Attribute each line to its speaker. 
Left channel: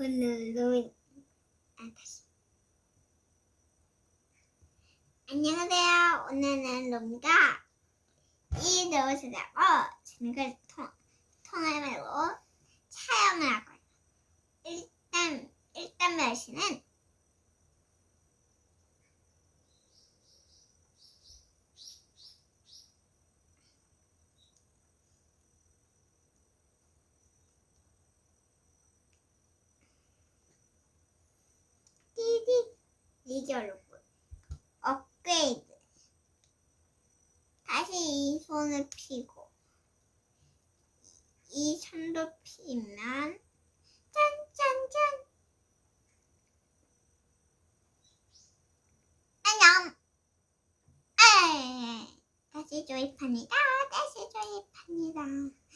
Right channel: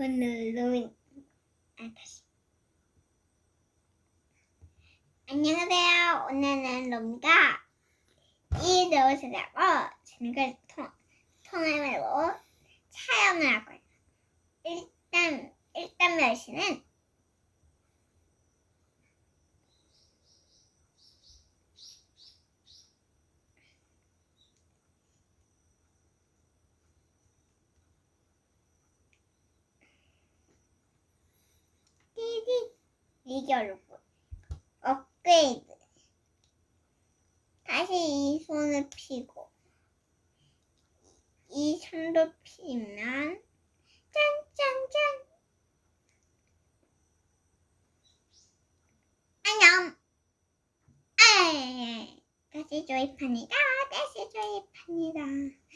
Speaker 1: 오늘 로빈 아 다시 안녕하세요. 오늘은 로미가 이 하고 저녁을 통, 통화로 촬영을 할 거예요. 일단 일단 멸시는 리결로봇 업그레이드. 다시 이 손을 피고 이 손도 피면 짠짠짠. 안녕. 아 다시 조립합니다. 다시 조립합니다